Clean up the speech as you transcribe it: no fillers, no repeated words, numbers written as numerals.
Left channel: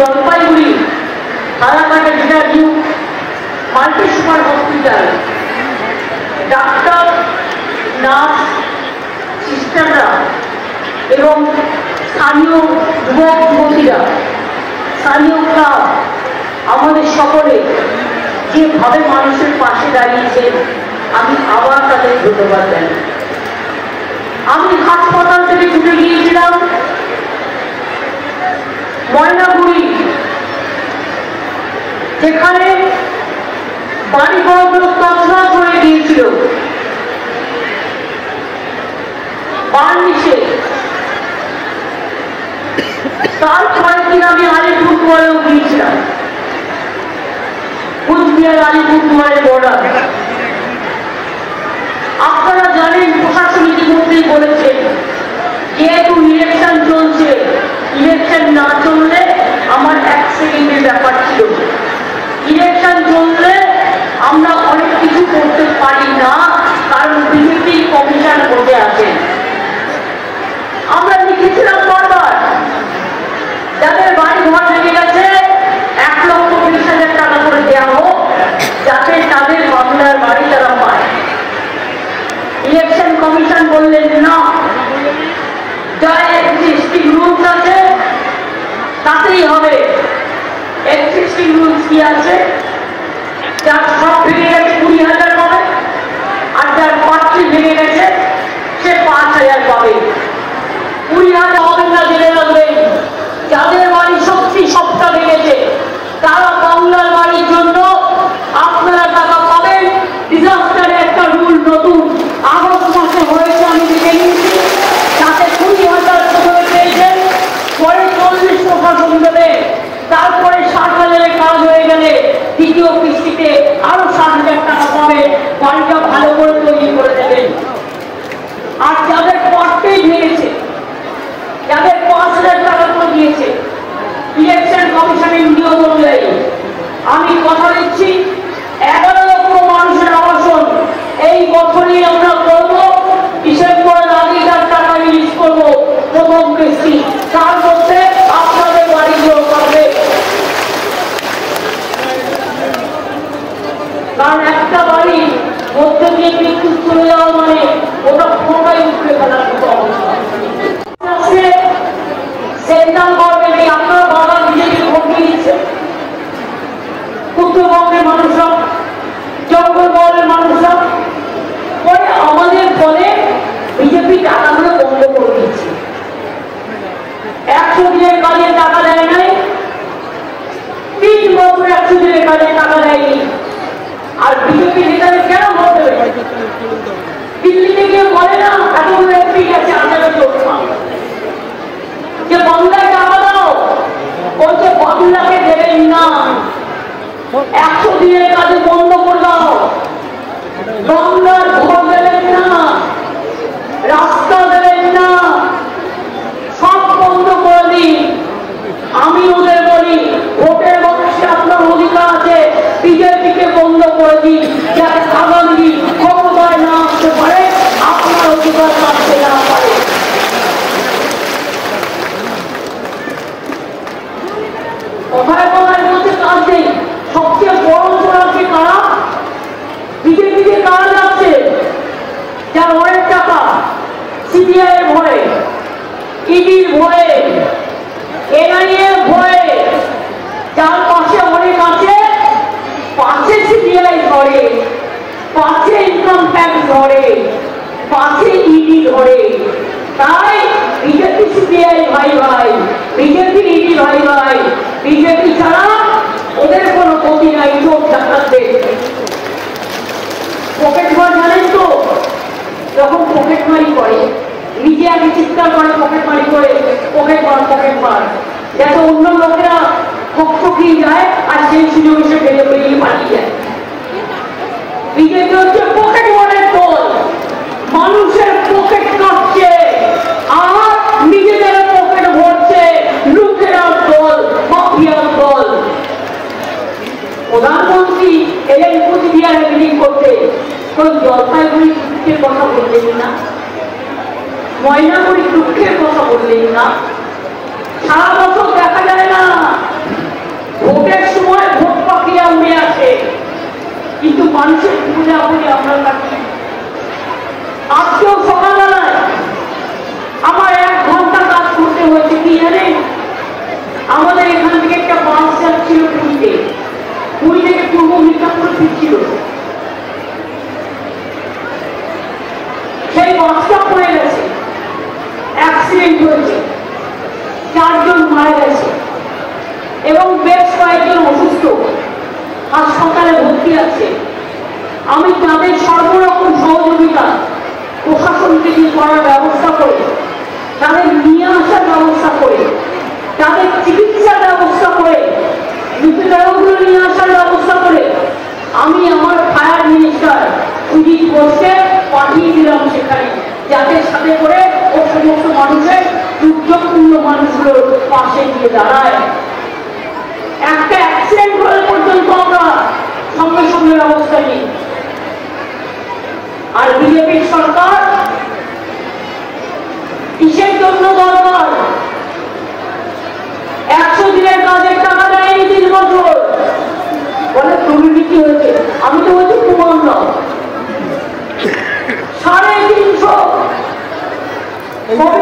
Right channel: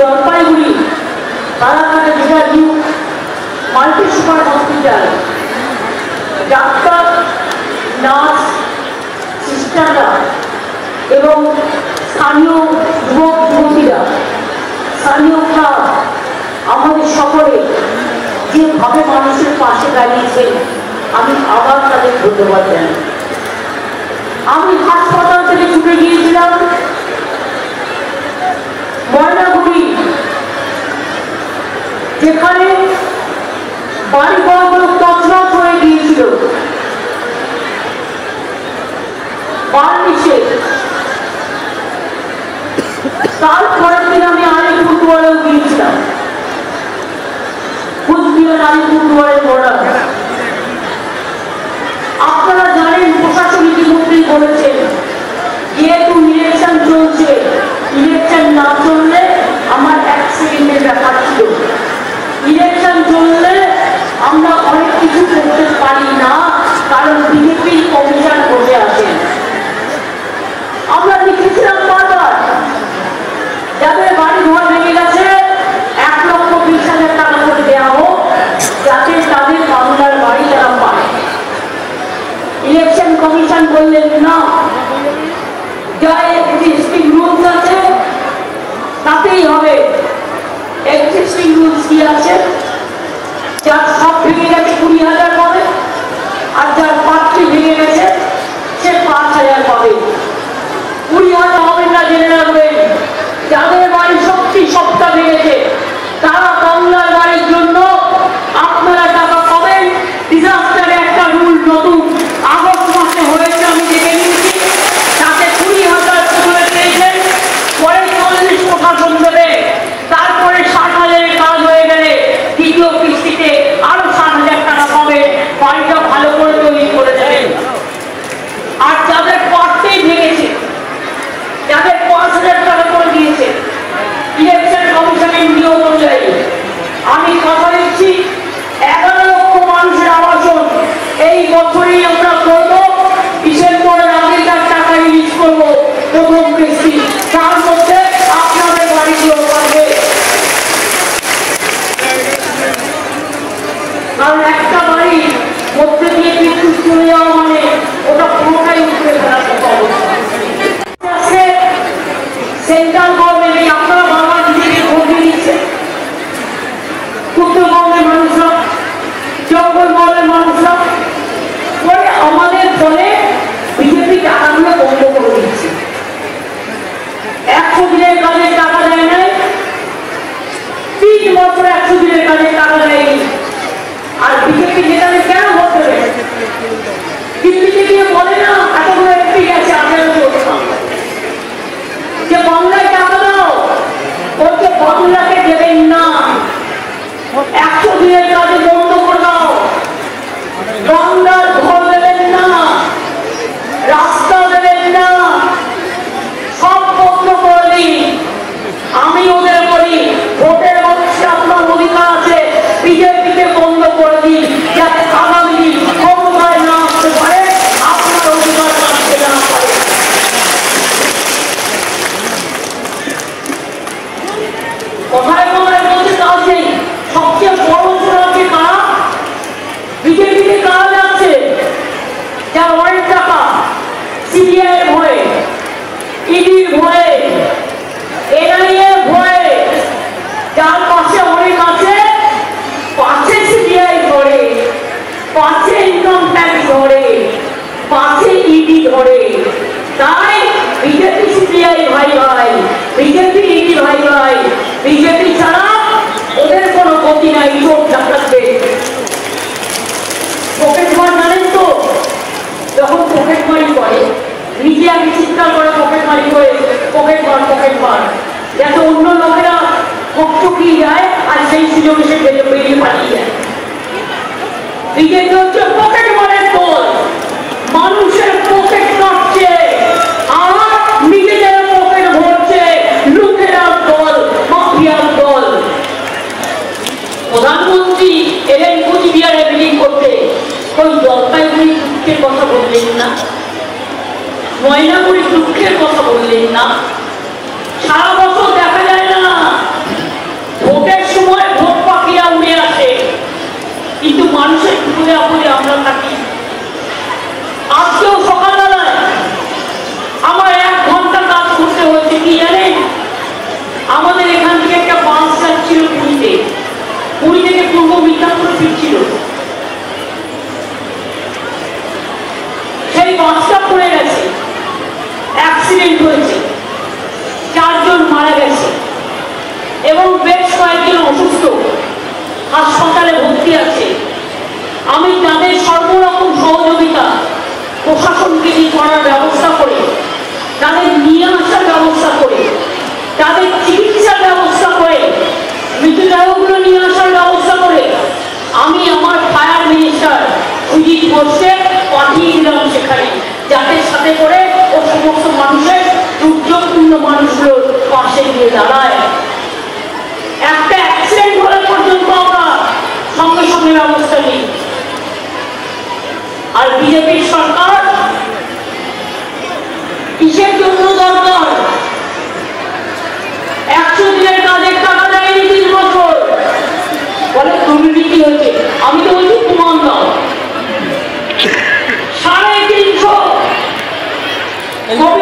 জলপাইগুড়ি রানাঘাটে যেটা new multi super hospital, ডাক্তার, নার্স, সিস্টাররা এবং স্থানীয় যুবক যুবতীরা, স্থানীয় ক্লাব, আমাদের সকলে যেভাবে মানুষের পাশে দাঁড়িয়েছে, আমি আবার তাদের ধন্যবাদ জানাই। আমি হাসপাতাল থেকে ছুটে গিয়েছিলাম ময়নাগুড়ি, যেখানে বাড়িঘর তছনছ হয়ে গিয়েছিল, বার্নিশে। তার পরের দিন আমি আলিপুরদুয়ারেও গিয়েছিলাম, কুচবিহার আলিপুরদুয়ারের বর্ডার। আপনারা জানেন প্রশাসন ইতিমধ্যেই বলেছেন যেহেতু ইলেকশন চলছে, ইলেকশন না চললে আমার 1 সেকেন্ডের ব্যাপার ছিল। ইলেকশন চললে আমরা অনেক কিছু করতে পারি না, কারণ বিজেপি কমিশন বসে আছেন। আমরা লিখেছিলাম বারবার, যাদের বাড়ি ঘর ভেঙে গেছে 1,20,000 টাকা করে দেওয়া হোক, যাতে তাদের বাংলার বাড়ি তারা পায়। ইলেকশন কমিশন বললেন না, যা এক্সিস্টিং রুলস আছে তাতেই হবে। এক্সিস্টিং রুলস কি আছে? যার সব ভেঙে গেছে 20,000 পাবে, আর যার পাত্রী ভেঙে গেছে সে 5,000 পাবে। 20,000 হবে না, জেনে রাখবেন। যাদের বাড়ি সত্যি সবটা ভেঙেছে তারা বাংলার বাড়ির জন্য আপনারা টাকা পাবেন। ডিজাস্টারে একটা রুল নতুন আগস্ট মাসে হয়েছে, আমি দেখে নিয়েছি, তাতে 20,000 করে পেয়েছেন, পরে 40 প্রশাসন দেবে, তারপরে 60,000-এর কাজ হয়ে গেলে দ্বিতীয় কিস্তিতে আরো 60,000 টাকা পাবে, বাড়িটা ভালো করে তৈরি করে দেবেন। আর যাদের পাটতেই ভেঙেছে, যাদের 5,000 টাকা করে দিয়েছে, ইলেকশন কমিশনের নিয়ম অনুযায়ী আমি কথা দিচ্ছি 11 লক্ষ মানুষের আবাসন এই বছরই আমরা করবো। ডিসেম্বরের আগে টাকা রিলিজ করবো প্রথম কিস্তি, তার মধ্যে আপনাদের বাড়িগুলো পাবে। কারণ একটা বাড়ি মধ্যে দিয়ে বিদ্যুৎ চলে যাওয়া মানে ওটা পুরোটাই উঠে ফেলার মতো অবস্থা। সেন্ট্রাল গভর্নমেন্টে আপনারা বাবা নিজেকে ভোট দিচ্ছে, উত্তরবঙ্গের মানুষরা, জঙ্গলমহলের মানুষরা, পরে আমাদের ফলে বিজেপি টাকাগুলো বন্ধ করে দিচ্ছে। 100 দিনের কাজে টাকা দেয় নাই, 3 বছর 100 দিনের কাজে টাকা দেয়নি। আর বিজেপি নেতারা কেন ভোট দেবে? দিল্লিতে গিয়ে বলে না, এতগুলো এমপি গেছে, আপনারা চলছে না, যে বাংলায় টাকা দাও, বলছে বাংলাকে দেবেন না, 100 দিনের কাজে বন্ধ করে দাও, বাংলার ঘর দেবেন না, রাস্তা দেবেন না, সব বন্ধ করে দিন। আমি ওদের বলি ভোটের বয়সে আপনার অধিকার আছে, বিজেপিকে বন্ধ করে দিন, যাতে আগামী দিন ক্ষমতায় না আসতে পারে, আপনার অধিকার রাখতে না পারে। সবচেয়ে বড় সমাজকে কারা, বিজেপিকে কারা যাচ্ছে, যার অনেক টাকা, সিবিআই ভয়ে, ইডির ভয়ে, এনআইএ ভয়ে, যার পাশে অনেক আছে, পাশে সিবিআই ধরে, পাশে ইনকাম ট্যাক্স ধরে, পাশে ইডি ধরে। তাই বিজেপি সিবিআই ভাই ভাই, বিজেপি ইডি ভাই ভাই, বিজেপি ছাড়া ওদের কোনো গতি নাই। চোখ ডাকাতে পকেট মার জানেন তো, যখন পকেট মারি করে নিজে আগে চিৎকার করে পকেট মারি করে পকেট মার, যাতে অন্য লোকেরা হকচকিয়ে যায় আর সেই সুযোগে সে বেরিয়ে বেরিয়ে পালিয়ে যায়। বিজেপি হচ্ছে পকেট মারের দল, মানুষের পকেট কাটছে আর নিজেদের পকেট ভরছে, লুটেরার দল, মাফিয়ার দল। প্রধানমন্ত্রী এলেন কুচবিহারে মিটিং করতে, ওই জলপাইগুড়ি দুঃখের কথা বললেন না, ময়নাগুড়ি দুঃখের কথা বললেন না। সারা বছর দেখা যায় না এবং বেশ কয়েকজন অসুস্থ হাসপাতালে ভর্তি আছে। আমি তাদের সর্বরকম সহযোগিতা প্রশাসনকে দিয়ে করার ব্যবস্থা করে, তাদের নিয়ে আসার ব্যবস্থা করে, তাদের চিকিৎসার ব্যবস্থা করে, মৃতদেহগুলো নিয়ে আসার ব্যবস্থা করে আমি আমার ফায়ার মিনিস্টার সুজিত ঘোষকে পাঠিয়ে দিলাম সেখানে, যাতে সাথে করে ও সমস্ত মানুষের দুর্যোগপূর্ণ মানুষগুলোর পাশে গিয়ে দাঁড়ায়। একটা অ্যাক্সিডেন্ট হলে পর্যন্ত আমরা সঙ্গে সঙ্গে ব্যবস্থা নিই। আর বিজেপির সরকার কিসের জন্য দরকার? 100 দিনের কাজের টাকা দেয়নি 3 বছর, বলে দুর্নীতি হয়েছে। আমি তো বলছি প্রমাণ দাও। 350